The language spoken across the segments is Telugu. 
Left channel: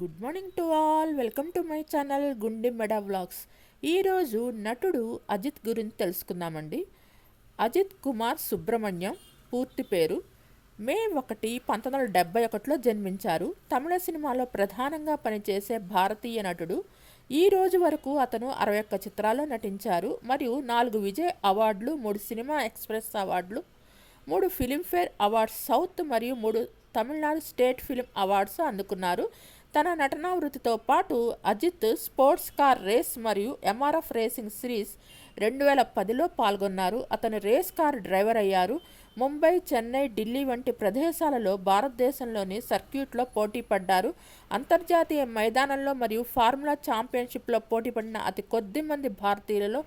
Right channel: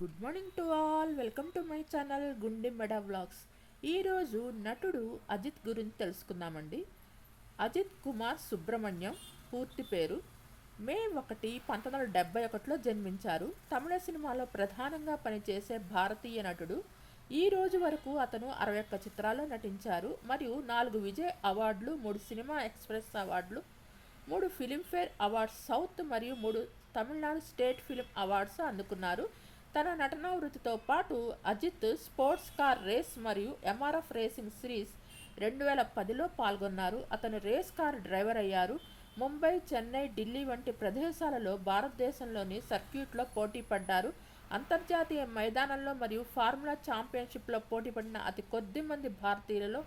Good morning to all. Welcome to my channel గుండె మెడా వ్లాగ్స్. ఈరోజు నటుడు అజిత్ గురించి తెలుసుకుందామండి. అజిత్ కుమార్ సుబ్రహ్మణ్యం పూర్తి పేరు. మే 1, 1971లో జన్మించారు. తమిళ సినిమాలో ప్రధానంగా పనిచేసే భారతీయ నటుడు. ఈ రోజు వరకు అతను 61 చిత్రాల్లో నటించారు మరియు 4 విజయ్ అవార్డులు, 3 సినిమా ఎక్స్ప్రెస్ అవార్డులు, 3 ఫిలింఫేర్ అవార్డ్స్ సౌత్ మరియు 3 తమిళనాడు స్టేట్ ఫిలిం అవార్డ్స్ అందుకున్నారు. తన నటనా వృత్తితో పాటు అజిత్ స్పోర్ట్స్ కార్ రేస్ మరియు ఎంఆర్ఎఫ్ రేసింగ్ సిరీస్ 2010లో పాల్గొన్నారు. అతను రేస్ కార్ డ్రైవర్ అయ్యారు. ముంబై, చెన్నై, ఢిల్లీ వంటి ప్రదేశాలలో భారతదేశంలోని సర్క్యూట్లో పోటీ పడ్డారు. అంతర్జాతీయ మైదానంలో మరియు ఫార్ములా ఛాంపియన్షిప్లో పోటీపడిన అతి కొద్ది మంది భారతీయులలో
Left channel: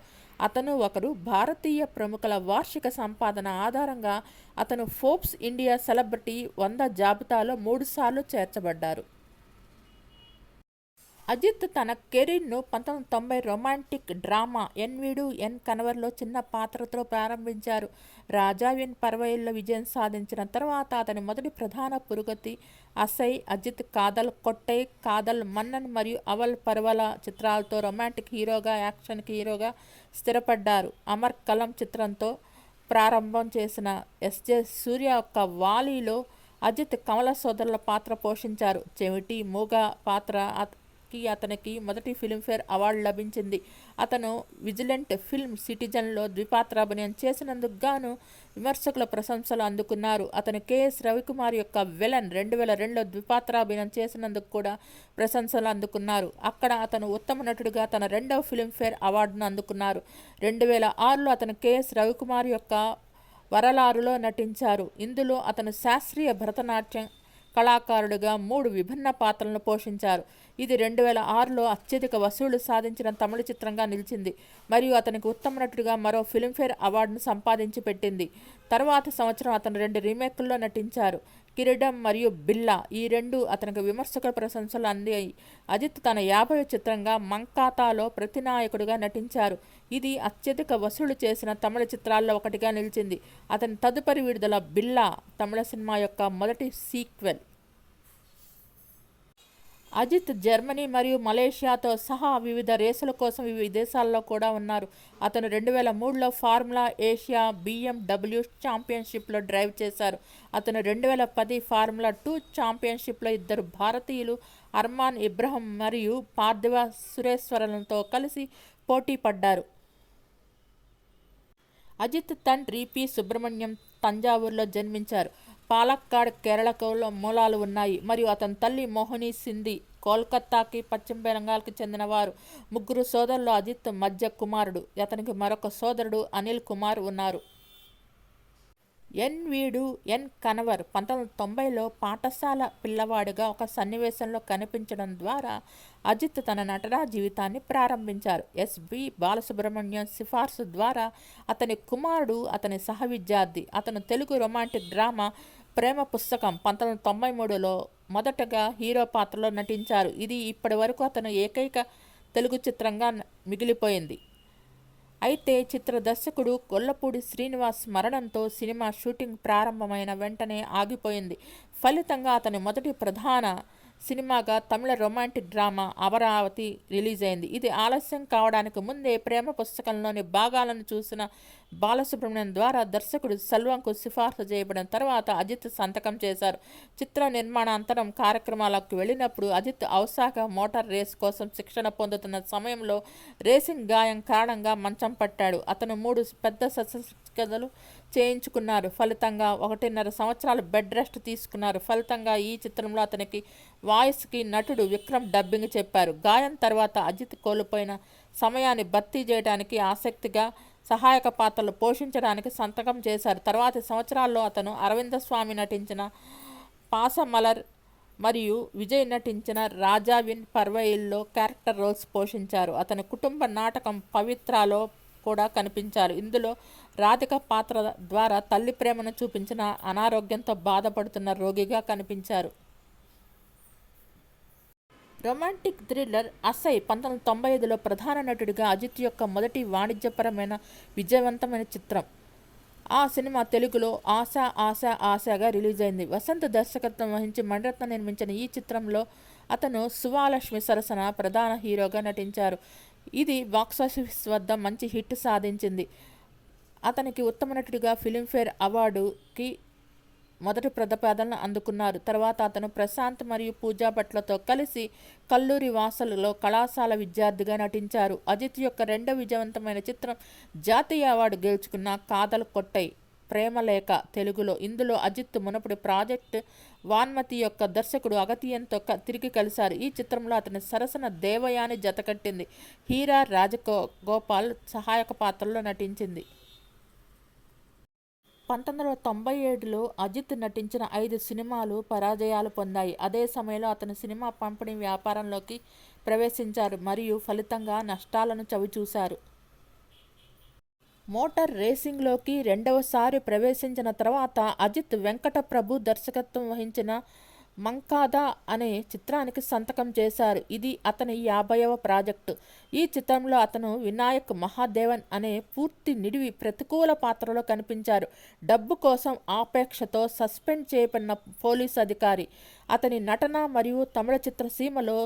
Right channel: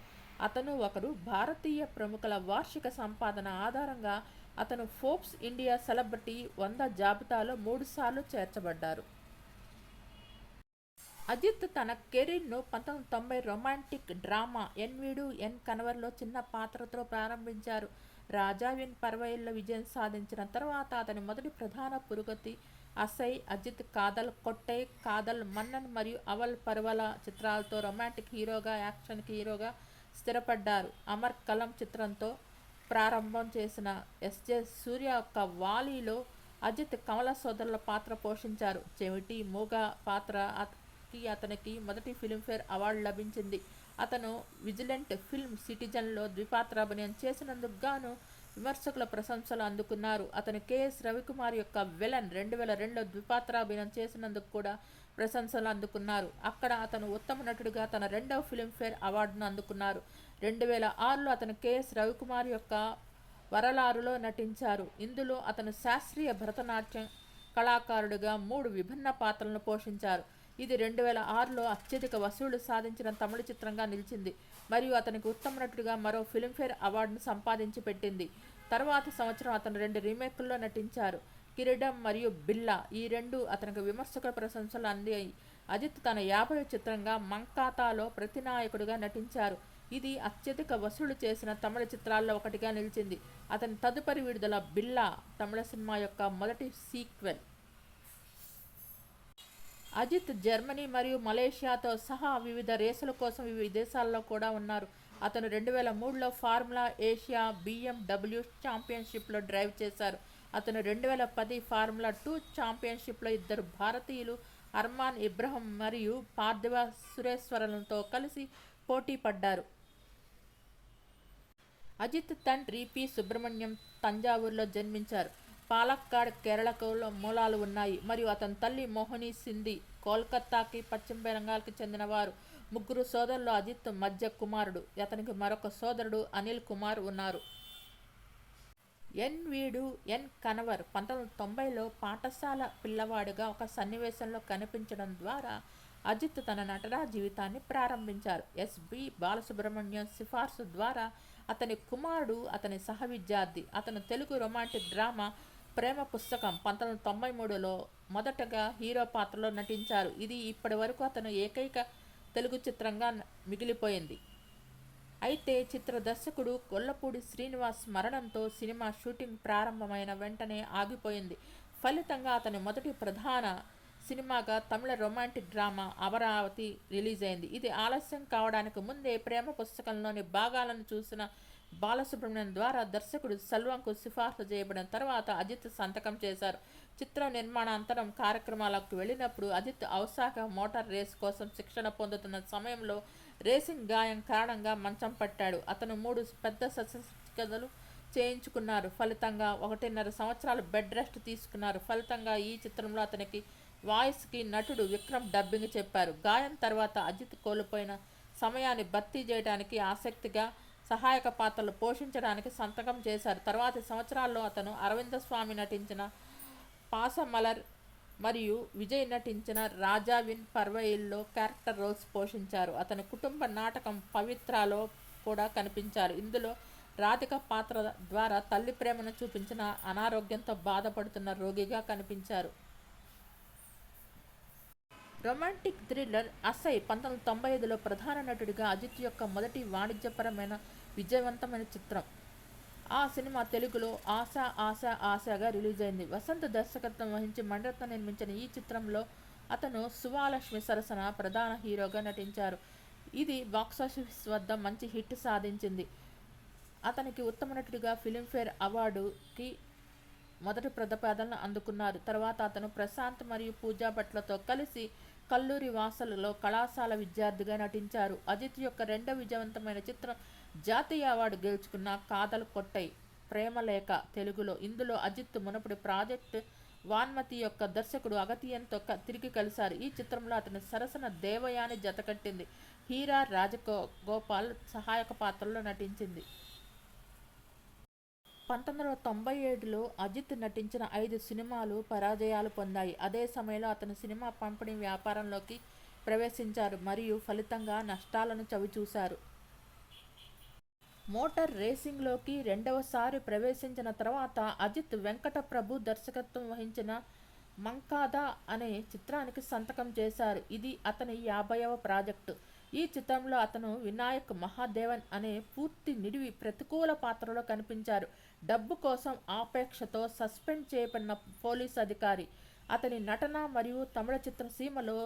అతను ఒకరు. భారతీయ ప్రముఖుల వార్షిక సంపాదన ఆధారంగా అతను ఫోర్బ్స్ ఇండియా సెలబ్రిటీ 100 జాబితాలో 3 సార్లు చేర్చబడ్డారు. అజిత్ తన కెరీర్ను 1990 రొమాంటిక్ డ్రామా ఎన్ వీడు ఎన్ కనవర్లో చిన్న పాత్రతో ప్రారంభించారు. రాజా ఎన్ పర్వయిల్లో విజయం సాధించిన తర్వాత అతని మొదటి ప్రధాన పురోగతి అసై, అజిత్ కాదల్ కొట్టై, కాదల్ మన్నన్ మరియు అవల్ పర్వల చిత్రాలతో రొమాంటిక్ హీరోగా, యాక్షన్ హీరోగా స్థిరపడ్డారు. అమర్ కలం చిత్రంతో ప్రారంభం చేసిన ఎస్జే సూర్య యొక్క వాలీలో అజిత్ కమల సోదరుల పాత్ర పోషించారు. చెవిటి మూగ పాత్ర అతనికి మొదటి ఫిలింఫేర్ అవార్డు లభించింది. అతను విజిలెంట్ ఫిల్మ్ సిటిజన్లో ద్విపాత్రాభినయం చేసినందుకు గాను విమర్శకుల ప్రశంసలు అందుకున్నారు. అతను కెఎస్ రవికుమార్ యొక్క విలన్ 2002లో ద్విపాత్రాభినయం చేసినందుకు కూడా ప్రశంసలు అందుకున్నారు. అక్కడ అతను ఉత్తమ నటుడిగా తన 2వ ఫిలింఫేర్ అవార్డును అందుకున్నారు. 2006లో అతను కెఎస్ రవికుమార్ యొక్క వరలారులో నటించారు. ఇందులో అతను శాస్త్రీయ భరతనాట్యం కళాకారుడిగా 3 విభిన్న పాత్రలను పోషించారు. ఇది 2006లో అత్యధిక వసూళ్లు సాధించిన తమిళ చిత్రంగా నిలిచింది మరియు అతనికి ఉత్తమ నటుడిగా మరో ఫిలింఫేర్ అవార్డును సంపాదించి పెట్టింది. తర్వాత సంవత్సరం అతను 2 రీమేక్ల్లో నటించారు, కిరీడం మరియు బిల్లా. ఈ 2 అతనికి విమర్శకుల ప్రశంసలు అందాయి. అజిత్ తన 50వ చిత్రంగా మంకాతాలో ప్రతినాయకుడిగా నటించారు. ఇది అత్యధిక వసూలు చేసిన తమిళ చిత్రాల్లో ఒకటిగా నిలిచింది. అతని తదుపరి విడుదల బిల్లా తమిళ సినిమా యొక్క మొదటి సీక్వెల్. అజిత్ జర్మనీ మరియు మలేషియాతో సహా వివిధ రేసుల కోసం వివిధ దేశాల్లో కూడా ఉన్నారు. అతను 2003లో ఫార్ములా ఏషియా BMW ఛాంపియన్షిప్లో డ్రైవ్ చేశారు. అతను 2010 ఫార్ములా 2 ఛాంపియన్షిప్లో 2 భారతీయులు అర్మాన్ ఇబ్రహం మరియు పార్థివ సురేశ్వరన్తో కలిసి పోటీ పడ్డారు. అజిత్ తండ్రి పి సుబ్రహ్మణ్యం తంజావూరులో జన్మించారు. పాలక్కాడ్ కేరళకు మూలాలు ఉన్నాయి మరియు అతని తల్లి మోహిని సింధి కోల్కతాకి, పశ్చిమ బెంగాల్కి చెందినవారు. 3 సోదరులు. అజిత్ మధ్య కుమారుడు. అతనికి మరొక సోదరుడు అనిల్ కుమార్ ఉన్నారు. ఎన్ వీడు ఎన్ కనవర్ 1990లో పాఠశాల పిల్లవాడిగా ఒక సన్నివేశంలో కనిపించడం ద్వారా అజిత్ తన నటనా జీవితాన్ని ప్రారంభించారు. ఎస్బి బాలసుబ్రహ్మణ్యం సిఫార్సు ద్వారా అతని కుమారుడు అతని సహ విద్యార్థి. అతను తెలుగు రొమాంటిక్ డ్రామా ప్రేమ పుస్తకం 1993లో మొదటగా హీరో పాత్రలో నటించారు. ఇది ఇప్పటి వరకు అతను ఏకైక తెలుగు చిత్రంగా మిగిలిపోయింది. అయితే చిత్ర దర్శకుడు గొల్లపూడి శ్రీనివాస్ మరణంతో సినిమా షూటింగ్ ప్రారంభమైన వెంటనే ఆగిపోయింది. ఫలితంగా అతని మొదటి ప్రధాన సినిమాగా తమిళ రొమాంటిక్ డ్రామా అమరావతి రిలీజ్ అయింది. ఇది ఆలస్యం కావడానికి ముందే ప్రేమ పుస్తకంలోని భాగాలను చూసిన బాలసుబ్రహ్మణ్యం ద్వారా దర్శకుడు సెల్వంకు సిఫార్సు చేయబడిన తర్వాత అజిత్ సంతకం చేశారు. చిత్ర నిర్మాణాంతరం కార్యక్రమాలకు వెళ్ళినప్పుడు అజిత్ ఔసాక మోటార్ రేస్ కోసం శిక్షణ పొందుతున్న సమయంలో రేసింగ్ గాయం కారణంగా మంచం పట్టాడు. అతను 3 పెద్ద శస్త్రచికిత్సలు చేయించుకున్నారు. ఫలితంగా 1.5 సంవత్సరాలు బెడ్ రెస్ట్ తీసుకున్నారు. ఫలితంగా ఈ చిత్రంలో అతనికి వాయిస్కి నటుడు విక్రమ్ డబ్బింగ్ చెప్పారు. గాయం తర్వాత అజిత్ కోల్పోయిన సమయాన్ని భర్తీ చేయడానికి ఆసక్తిగా సహాయక పాత్రలు పోషించడానికి సంతకం చేశారు. తర్వాతి సంవత్సరాల్లో అతను అరవింద స్వామి నటించిన పాసమలర్ మరియు విజయ్ నటించిన రాజా విన్ పర్వయిల్లో క్యారెక్టర్ రోల్స్ పోషించారు. అతని కుటుంబ నాటకం పవిత్రాలో కూడా కనిపించారు. ఇందులో రాధిక పాత్ర ద్వారా తల్లి ప్రేమను చూపించిన అనారోగ్యంతో బాధపడుతున్న రోగిగా కనిపించారు. రొమాంటిక్ థ్రిల్లర్ అసై 1995లో ప్రధాన నటుడిగా అజిత్ యొక్క మొదటి వాణిజ్యపరమైన విజయవంతమైన చిత్రం. ఆ సినిమా తెలుగులో ఆశ ఆశ ఆశగా రిలీజ్ అయింది. వసంత్ దర్శకత్వం వహించి మణిరత్నం నిర్మించిన ఈ చిత్రంలో అతను సువాలక్ష్మి సరసన ప్రధాన హీరోగా నటించారు. ఇది బాక్సాఫీస్ వద్ద మంచి హిట్ సాధించింది. అతనికి ఉత్తమ నటుడిగా ఫిలింఫేర్ అవార్డుకి మొదటి ప్రతిపాదనలు అందుకున్నారు. తర్వాత అతను ప్రశాంత్ మరియు పూజా భట్లతో కలిసి కల్లూరి వాసలలో కళాశాల విద్యార్థిగా నటించారు. అజిత్ యొక్క రెండవ విజయవంతమైన చిత్రం జాతీయ అవార్డు గెలుచుకున్న కాదల్ కొట్టై ప్రేమలేఖ తెలుగులో. ఇందులో అజిత్ మునుపటి ప్రాజెక్ట్ వాన్మతి యొక్క దర్శకుడు అగతియన్తో తిరిగి కలిశారు. ఈ చిత్రంలో అతని సరసన దేవయాని జతకట్టింది. హీరా రాజగోపాల్ సహాయక పాత్రలో నటించింది. 1997లో అజిత్ నటించిన 5 సినిమాలు పరాజయాలు పొందాయి. అదే సమయంలో అతను సినిమా పంపిణీ వ్యాపారంలోకి ప్రవేశించారు మరియు ఫలితంగా నష్టాలను చవిచూశారు. మోటార్ రేసింగ్లోకి రెండవసారి ప్రవేశించిన తర్వాత అజిత్ వెంకట ప్రభు దర్శకత్వం వహించిన మంకాదా అనే చిత్రానికి సంతకం చేశారు. ఇది అతని 50వ ప్రాజెక్టు. ఈ చిత్రంలో అతను వినాయక్ మహాదేవన్ అనే పూర్తి నిడివి ప్రతికూల పాత్రలో కనిపించారు. డబ్బు కోసం ఆపేక్షతో సస్పెండ్ చేయబడిన పోలీసు అధికారి. అతని నటన మరియు తమిళ చిత్రసీమలో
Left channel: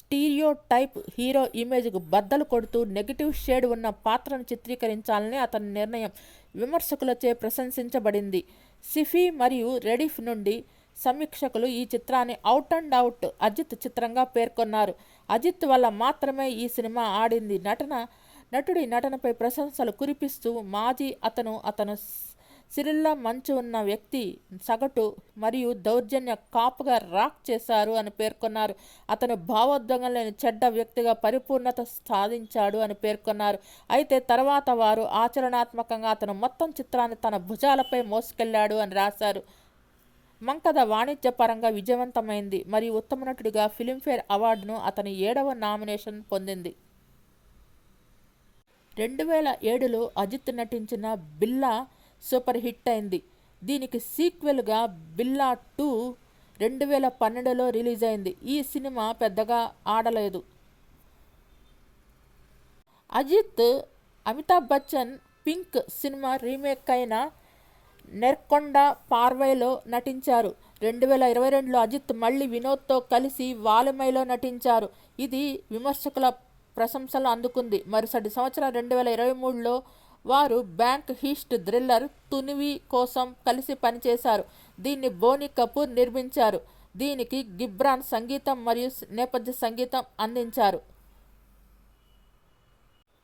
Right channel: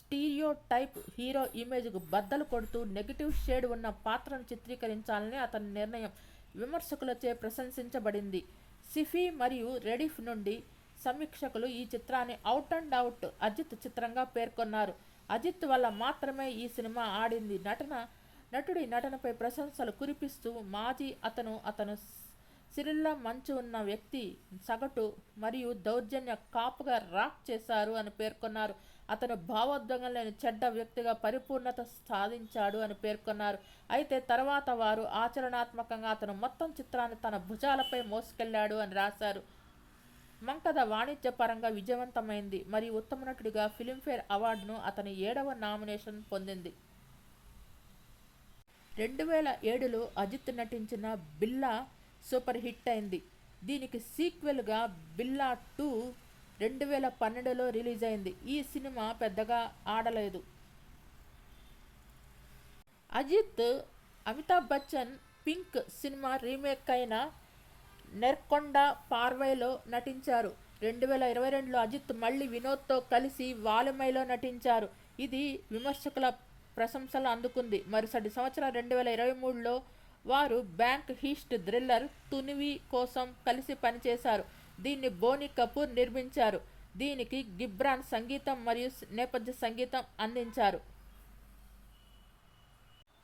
స్టీరియో టైప్ హీరో ఇమేజ్కు బద్దలు కొడుతూ నెగిటివ్ షేడ్ ఉన్న పాత్రను చిత్రీకరించాలని అతని నిర్ణయం విమర్శకులచే ప్రశంసించబడింది. సిఫీ మరియు రెడిఫ్ నుండి సమీక్షకులు ఈ చిత్రాన్ని అవుట్ అండ్ అవుట్ అజిత్ చిత్రంగా పేర్కొన్నారు. అజిత్ వల్ల మాత్రమే ఈ సినిమా ఆడింది. నటుడి నటనపై ప్రశంసలు కురిపిస్తూ అతను సిరిల్లా మంచు ఉన్న వ్యక్తి సగటు మరియు దౌర్జన్య కాపుగా రాక్ చేశారు అని పేర్కొన్నారు. అతను భావోద్వేగం లేని చెడ్డ వ్యక్తిగా పరిపూర్ణత సాధించాడు అని పేర్కొన్నారు. అయితే తర్వాత వారు ఆచరణాత్మకంగా అతను మొత్తం చిత్రాన్ని తన భుజాలపై మోసుకెళ్లాడు అని రాశారు. మంకథ వాణిజ్యపరంగా విజయవంతమైంది మరియు ఉత్తమ నటుడిగా ఫిలింఫేర్ అవార్డును అతని 7వ నామినేషన్ పొందింది. 2007లో అజిత్ నటించిన బిల్లా సూపర్ హిట్ అయింది. దీనికి సీక్వెల్గా బిల్లా 2 2012లో రిలీజ్ అయింది. ఈ సినిమా పెద్దగా ఆడలేదు. Ajith Amitabh Bachchan Pink cinema remake అయిన నెర్కొండ పార్వైలో నటించారు. 2022లో అజిత్ మళ్ళీ వినోద్తో కలిసి వాలిమైలో నటించారు. ఇది విమర్శకుల ప్రశంసలు అందుకుంది. మరుసటి సంవత్సరం 2023లో వారు బ్యాంక్ హీస్ట్ థ్రిల్లర్ తునివి కోసం కలిసి పనిచేశారు. దీన్ని బోనీ కపూర్ నిర్మించారు. దీనికి గిబ్రాన్ సంగీతం మరియు నేపథ్య సంగీతం అందించారు.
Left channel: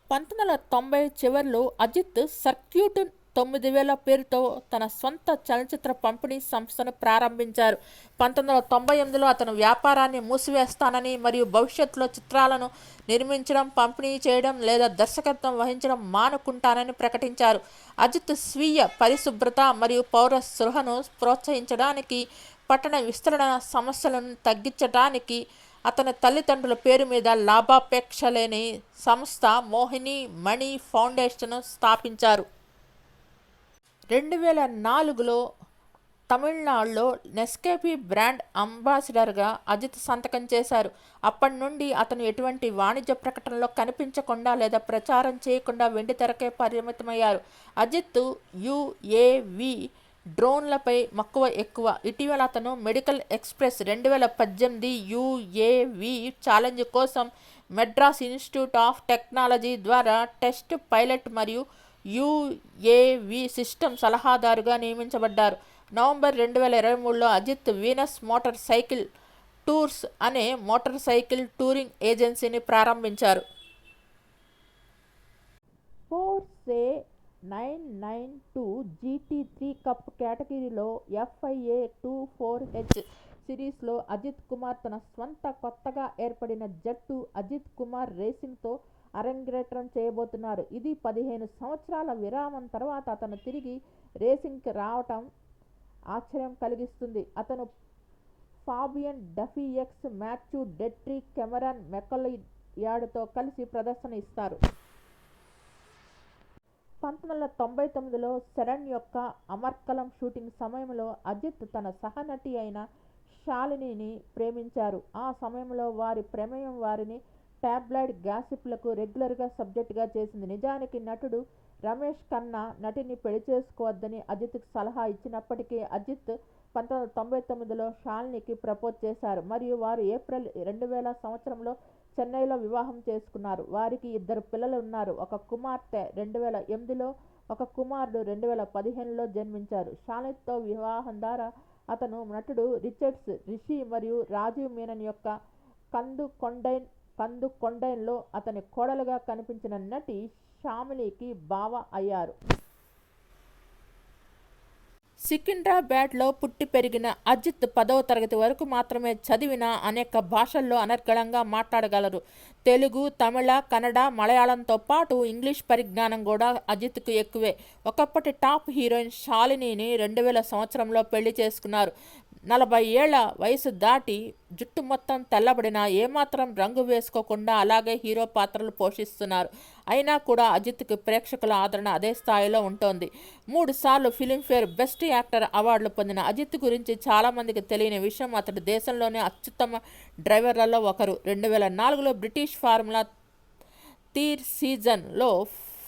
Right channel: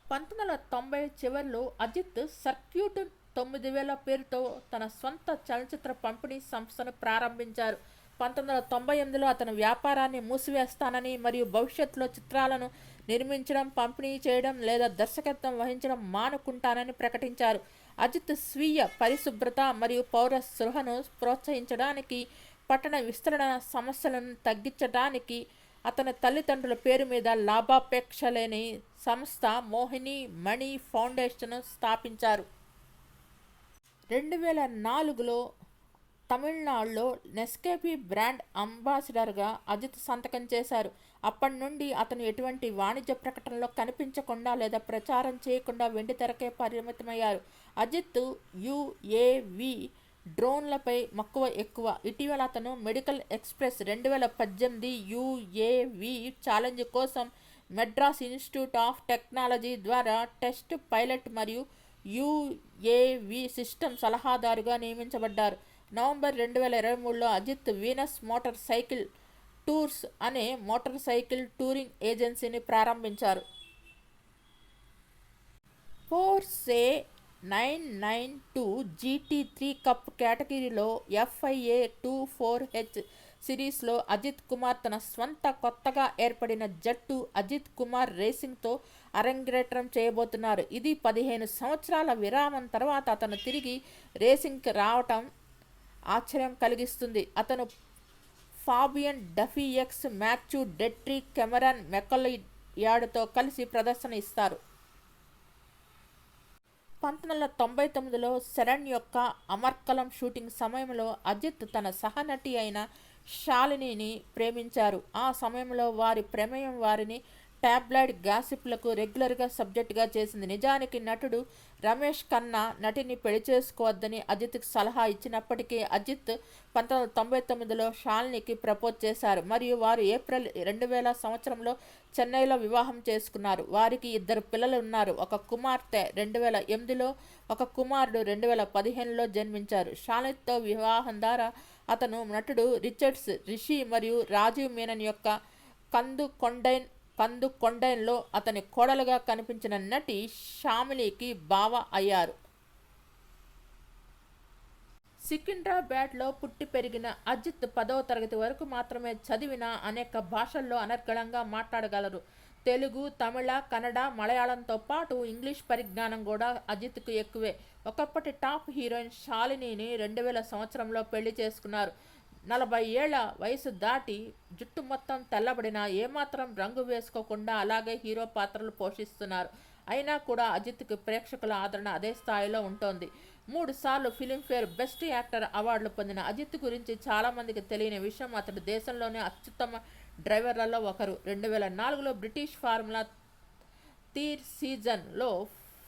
1990 చివర్లో అజిత్ సర్క్యూట్ 9000 పేరుతో తన సొంత చలనచిత్ర పంపిణీ సంస్థను ప్రారంభించారు. 1998లో అతను వ్యాపారాన్ని మూసివేస్తానని మరియు భవిష్యత్తులో చిత్రాలను నిర్మించడం, పంపిణీ చేయడం లేదా దర్శకత్వం వహించడం మానుకుంటానని ప్రకటించారు. అజిత్ స్వీయ పరిశుభ్రత మరియు పౌర స్పృహను ప్రోత్సహించడానికి, పట్టణ విస్తరణ సమస్యలను తగ్గించడానికి అతని తల్లిదండ్రుల పేరు మీద లాభాపేక్ష లేని సంస్థ మోహిని మణి ఫౌండేషన్ను స్థాపించారు. 2004లో తమిళనాడులో నెస్కేఫీ బ్రాండ్ అంబాసిడర్గా అజిత్ సంతకం చేశారు. అప్పటి నుండి అతను ఎటువంటి వాణిజ్య ప్రకటనలో కనిపించకుండా లేదా ప్రచారం చేయకుండా వెండితెరకే పరిమితమయ్యారు. అజిత్ యుఏవి డ్రోన్లపై మక్కువ ఎక్కువ. ఇటీవల అతను మెడికల్ ఎక్స్ప్రెస్ 2018 యుఏవి ఛాలెంజ్ కోసం మెడ్రాస్ ఇన్స్టిట్యూట్ ఆఫ్ టెక్నాలజీ ద్వారా టెస్ట్ పైలట్ మరియు యుఏవి సిస్టమ్ సలహాదారుగా నియమించబడ్డారు. నవంబర్ 2023లో Ajith Venus Motorcycle Tours అనే మోటార్ సైకిల్ టూరింగ్ ఏజెన్సీని ప్రారంభించారు. పోర్షే 992 GT3 కప్ కేటగిరీలో FIA 24H సిరీస్లో అజిత్ కుమార్ తన స్వంత కొత్తగా ఏర్పడిన జట్టు అజిత్ కుమార్ రేసింగ్తో అరంగేట్రం చేయబోతున్నారు. ఇది 15 సంవత్సరాల విరామం తర్వాత అతను తిరిగి రేసింగ్కి రావటం ఆశ్చర్యం కలిగిస్తుంది. అతను ఫాబియన్ డఫియక్స్, మాథ్యూ డెట్రీ, కెమెరాన్ మెకలయాడ్తో కలిసి ప్రదర్శన ఇస్తారు. 1999లో శరణ్ యొక్క అమర్కలం షూటింగ్ సమయంలో అజిత్ తన సహనటి అయిన శాలినిని ప్రేమించారు. ఆ సమయంలో వారి ప్రమేయం వారిని టాబ్లాయిడ్ గాసిప్లకు రెగ్యులర్గా సబ్జెక్టుగా చేసింది. నిజానికి నటుడు రమేష్ ఖన్నా నటిని పెళ్లి చేసుకోవద్దని అజిత్కి సలహా ఇచ్చినప్పటికీ అజిత్ 1999లో షాలినికి ప్రపోజ్ చేశారు మరియు వారు ఏప్రిల్ 2000 సంవత్సరంలో చెన్నైలో వివాహం చేసుకున్నారు. వారికి 2 పిల్లలు ఉన్నారు. ఒక కుమార్తె 2008లో, ఒక కుమారుడు 2015లో జన్మించారు. షాలినితో వివాహం ద్వారా అతను నటుడు రిచర్డ్స్ రిషి మరియు రాజీవ్ మీనన్ యొక్క కందు కొండైన్లో అతని కోడలుగా కనిపించిన నటి షామిలీకి బావ అయ్యారు. సికింద్రాబాద్లో పుట్టి పెరిగిన అజిత్ 10వ తరగతి వరకు మాత్రమే చదివినా అనేక భాషల్లో అనర్గళంగా మాట్లాడగలరు. తెలుగు, తమిళ, కన్నడ, మలయాళంతో పాటు ఇంగ్లీష్ పరిజ్ఞానం కూడా అజిత్కు ఎక్కువే. ఒకప్పటి టాప్ హీరోయిన్ శాలినిని 2000 సంవత్సరంలో పెళ్లి చేసుకున్నారు. 40 ఏళ్ల వయసు దాటి జుట్టు మొత్తం తెల్లబడినా ఏమాత్రం రంగు వేసుకోకుండా అలాగే హీరో పాత్రలు పోషిస్తున్నారు. అయినా కూడా అజిత్కి ప్రేక్షకుల ఆదరణ అదే స్థాయిలో ఉంటోంది. 3 సార్లు ఫిలింఫేర్ బెస్ట్ యాక్టర్ అవార్డులు పొందిన అజిత్ గురించి చాలామందికి తెలియని విషయం, అతడు దేశంలోనే అత్యుత్తమ డ్రైవర్లలో ఒకరు. 2004లో బ్రిటిష్ ఫార్ములా తీర్ సీజన్లో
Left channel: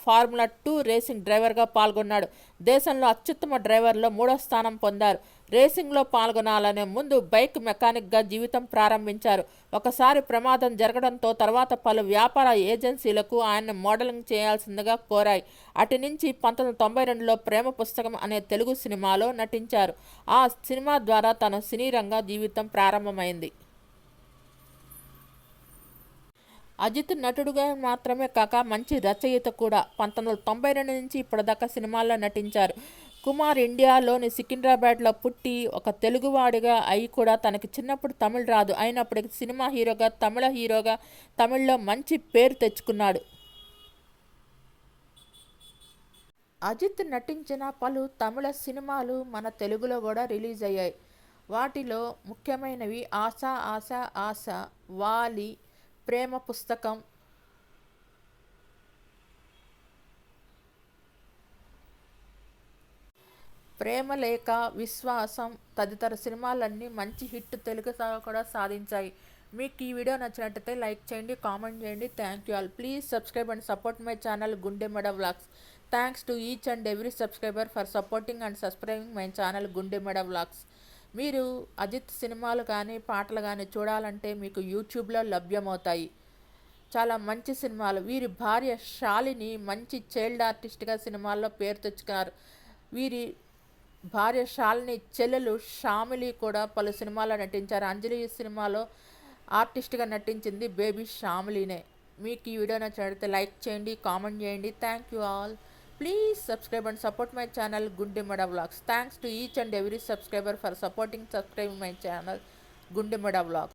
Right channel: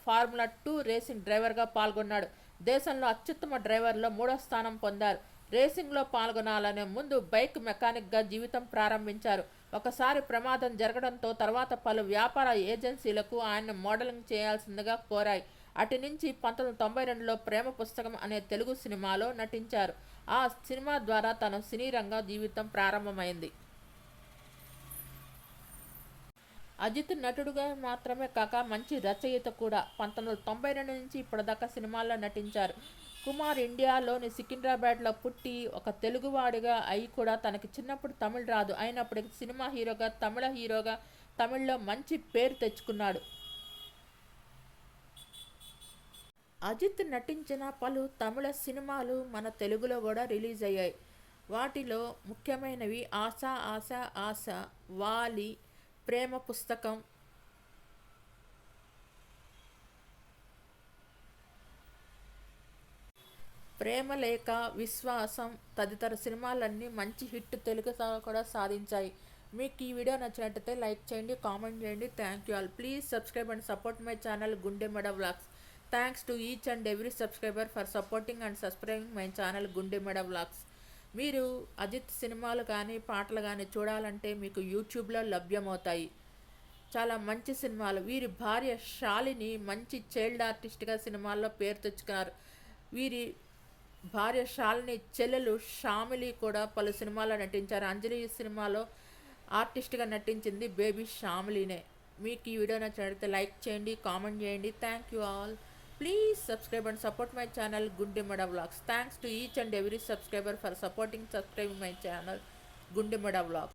ఫార్ములా 2 రేసింగ్ డ్రైవర్గా పాల్గొన్నాడు. దేశంలో అత్యుత్తమ డ్రైవర్లో 3వ స్థానం పొందారు. రేసింగ్లో పాల్గొనాలనే ముందు బైక్ మెకానిక్గా జీవితం ప్రారంభించారు. ఒకసారి ప్రమాదం జరగడంతో తర్వాత పలు వ్యాపార ఏజెన్సీలకు ఆయన మోడలింగ్ చేయాల్సిందిగా కోరాయి. అటు నుంచి 1992లో ప్రేమ పుస్తకం అనే తెలుగు సినిమాలో నటించారు. ఆ సినిమా ద్వారా తన సినీ రంగ జీవితం ప్రారంభమైంది. అజిత్ నటుడుగా మాత్రమే కాక మంచి రచయిత కూడా. 1992 నుంచి ఇప్పటిదాకా సినిమాల్లో నటించారు. కుమార్ ఇండియాలోని సికింద్రాబాద్లో పుట్టి ఒక తెలుగువాడిగా అయి కూడా తనకి చిన్నప్పుడు తమిళ్ రాదు. అయినప్పటికీ సినిమా హీరోగా, తమిళ హీరోగా తమిళ్లో మంచి పేరు తెచ్చుకున్నాడు. అజిత్ నటించిన పలు తమిళ సినిమాలు మన తెలుగులో కూడా రిలీజ్ అయ్యాయి. వాటిలో ముఖ్యమైనవి ఆశ ఆశ ఆశ, వాలి, ప్రేమ పుస్తకం, ప్రేమలేఖ, విశ్వాసం తదితర సినిమాలన్నీ మంచి హిట్ తెలుగు కూడా సాధించాయి. మీకు ఈ వీడియో నచ్చినట్టయితే లైక్ చేయండి, కామెంట్ చేయండి. Thank you all. Please subscribe and support my channel Gundemeda vlogs. Thanks to each and every subscriber for supporting and subscribing my channel Gundemeda vlogs. మీరు అజిత్ సినిమాలు కానీ పాటలు కానీ చూడాలంటే మీకు యూట్యూబ్లో లభ్యమవుతాయి. చాలా మంచి సినిమాలు. వీరి భార్య శాలిని మంచి చైల్డ్ ఆర్టిస్ట్గా సినిమాల్లో పేరు తెచ్చుకున్నారు. వీరి భార్య శాలిని చెల్లెలు షామిలి కూడా పలు సినిమాల్లో నటించారు. అంజలి సినిమాలో ఆర్టిస్ట్గా నటించింది బేబీ షామిలీనే. మీకు ఈ వీడియో నచ్చినట్లయితే లైక్ చేయండి, కామెంట్ చేయండి. Thank you all. Please subscribe and support my channel Gundemeda vlogs. Thanks to each and every subscriber for supporting subscribing my channel Gundemeda vlogs.